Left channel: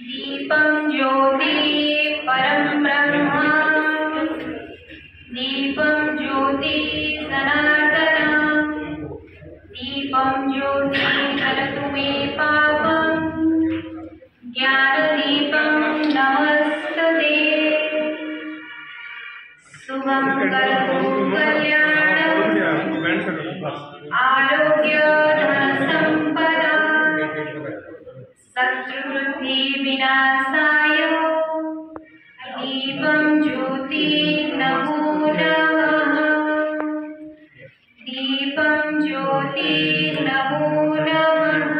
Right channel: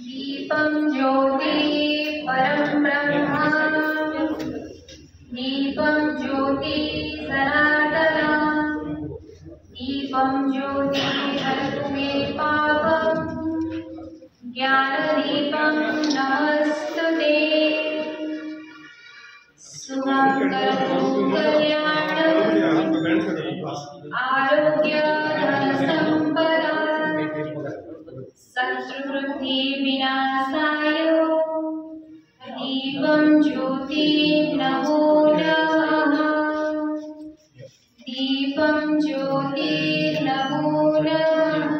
दीपं ज्योति परं ब्रह्म दीपं ज्योति सनातन दीपं ज्योति हरतु मे पापं ज्ञानदीपं नमस्तुते शुभं करोतु कल्याणं आरोग्य धनसम्पदा शत्रुवृद्धि विनाशाय दीपं ज्योति नमो नमः दीपं ज्योति नमो नमः।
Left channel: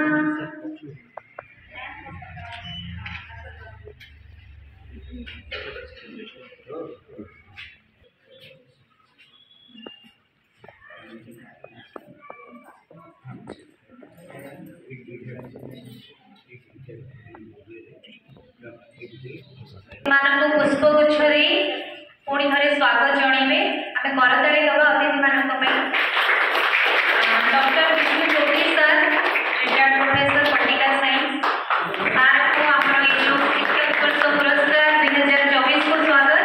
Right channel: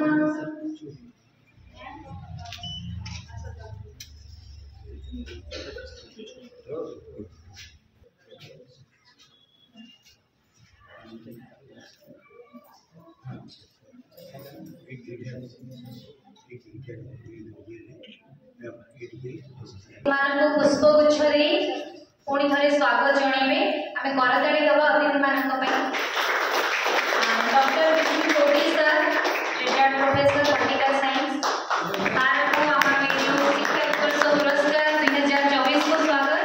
मानक पुष्पगुच्छ दे पुणी थे स्वागत जनइबे आमे करताली दबा अतिथि मानक doctor Vishnu Choudhary sir retired professor political science sir को आमर ये शिक्षा उत्कर्ष पुरस्कार 2024 को स्वागत।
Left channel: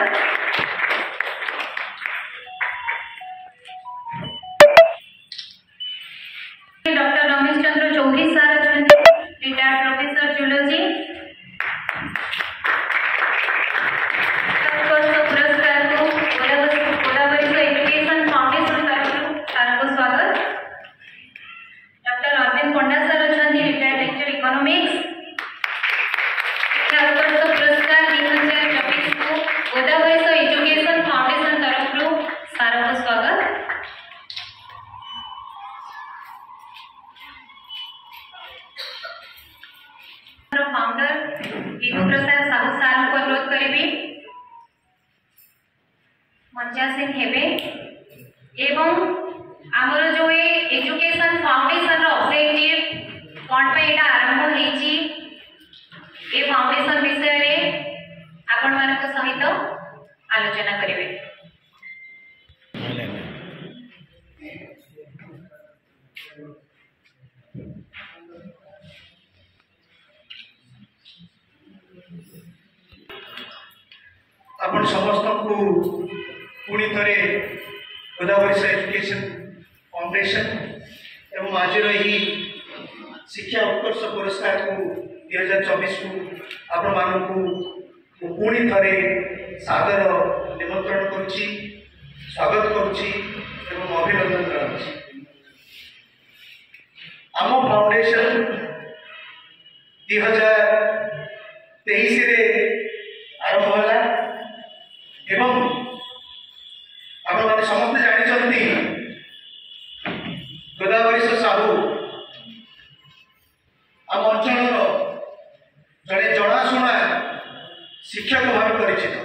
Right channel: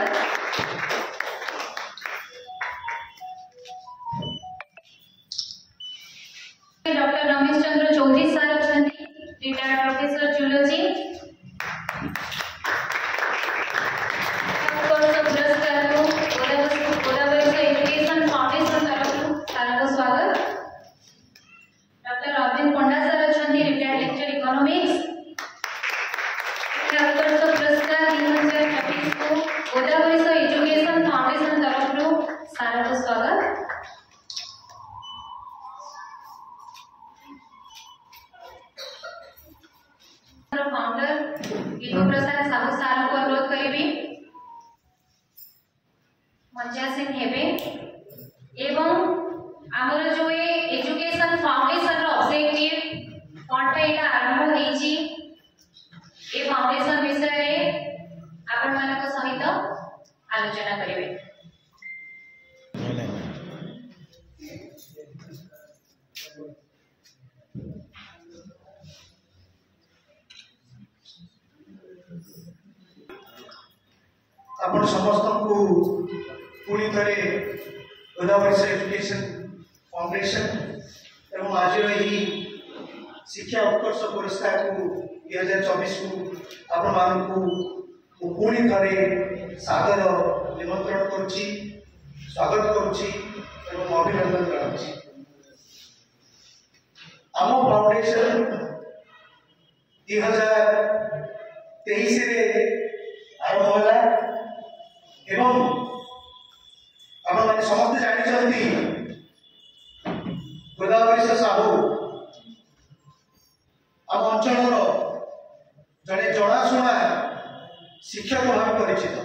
Doctor Ramesh Chandra Choudhary sir retired professor zoology founder Vibhu Prasad Sahu sir को अनुरोध करेंगे मंचासीन हेबे एवं आमर जो ये एजुकेशन फाउंडेशन ऑब्जेक्टिव कौन पे एटा आरंभ हेची ए फाउंडेशन विषय रे आपण मानक सहित आलोचना करेंगे। आपण समस्त को पुणी थे गोदावरी एजुकेशन फाउंडेशन एवं आज ही शिक्षा उत्कर्ष पुरस्कार को 2024 को आपण मानक पुणी थे सादर निमंत्रण करुच्ची स्वागत करुच्ची एवं अभिनंदन कराउछि। आम फाउंडेशन 2023 रे आरंभ होला एवं आपण माने समस्त जानिछंती गोदावरी साहू आम अंचल जड़े जनाशुना शिक्षक भाव परिचित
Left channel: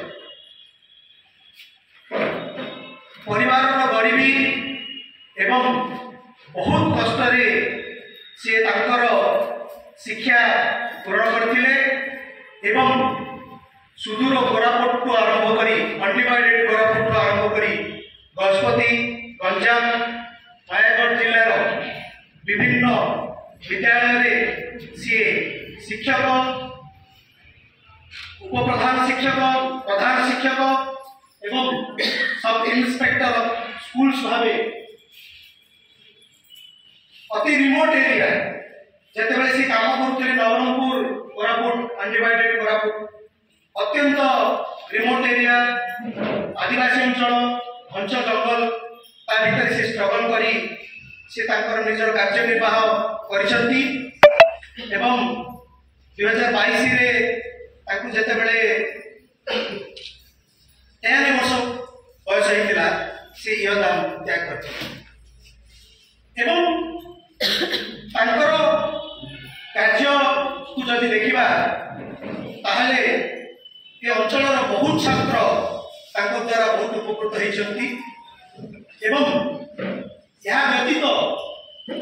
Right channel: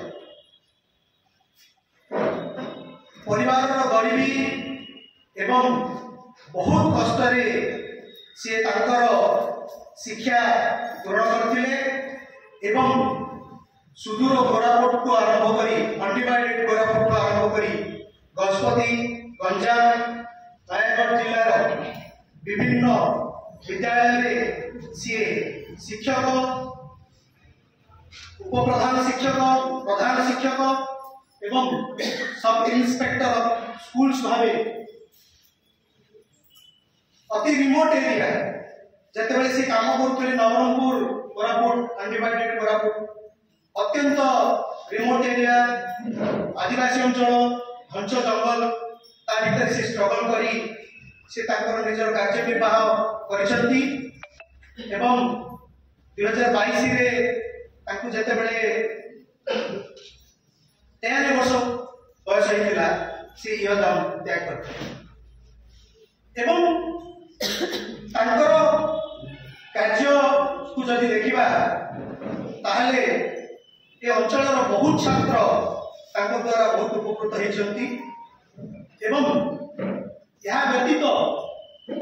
परिवार गरीबी एवं बहुत कष्ट सी तांकर शिक्षा पूरण करथिले एवं सुदूर कोरापुट आरंभ करी अनडिवाइडेड कोरापुट आरंभ करी गजपति गंजाम नयागढ़ जिलार विभिन्न विद्यालय सी शिक्षक उपप्रधान शिक्षक प्रधान शिक्षक एवं सब इंस्पेक्टर स्कूल्स भावे अति रिमोट एरिया जिते सी काम करुले नवरंगपुर कोरापुट अनडिवाइडेड कोरापुट अत्यंत रिमोट एरिया आदिवासी अंचल घंच जंगल ता भीतर से स्ट्रगल करी से तांकर निजर कार्य निर्वाह करिसंती एवं 2022 रे ताकू जते बेले 13 वर्ष बयस होइतिला से योगदान त्याग करते एवं तांकर कार्य को जदि देखिबा ताहले ये अंचल बहुत छात्र तांको द्वारा बहुत उपकृत होइछंती एवं यह व्यतीत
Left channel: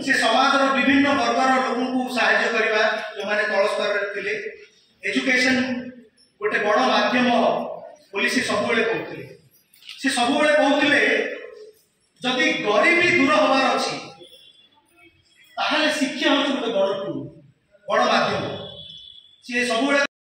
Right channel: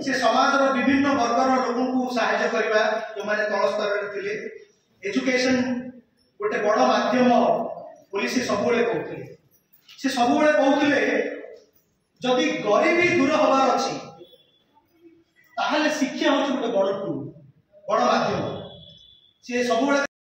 से समाज विभिन्न वर्गर लोगों को सहायता करवा जो माने तल स्तर रे एजुकेशन गोटे बड़ माध्यम बोली से सबुले कहते से सबुले कहते जदि गरीबी दूर हबार अच्छी ताहले शिक्षा होची गोटे बड़ टूल बड़ माध्यम सी सब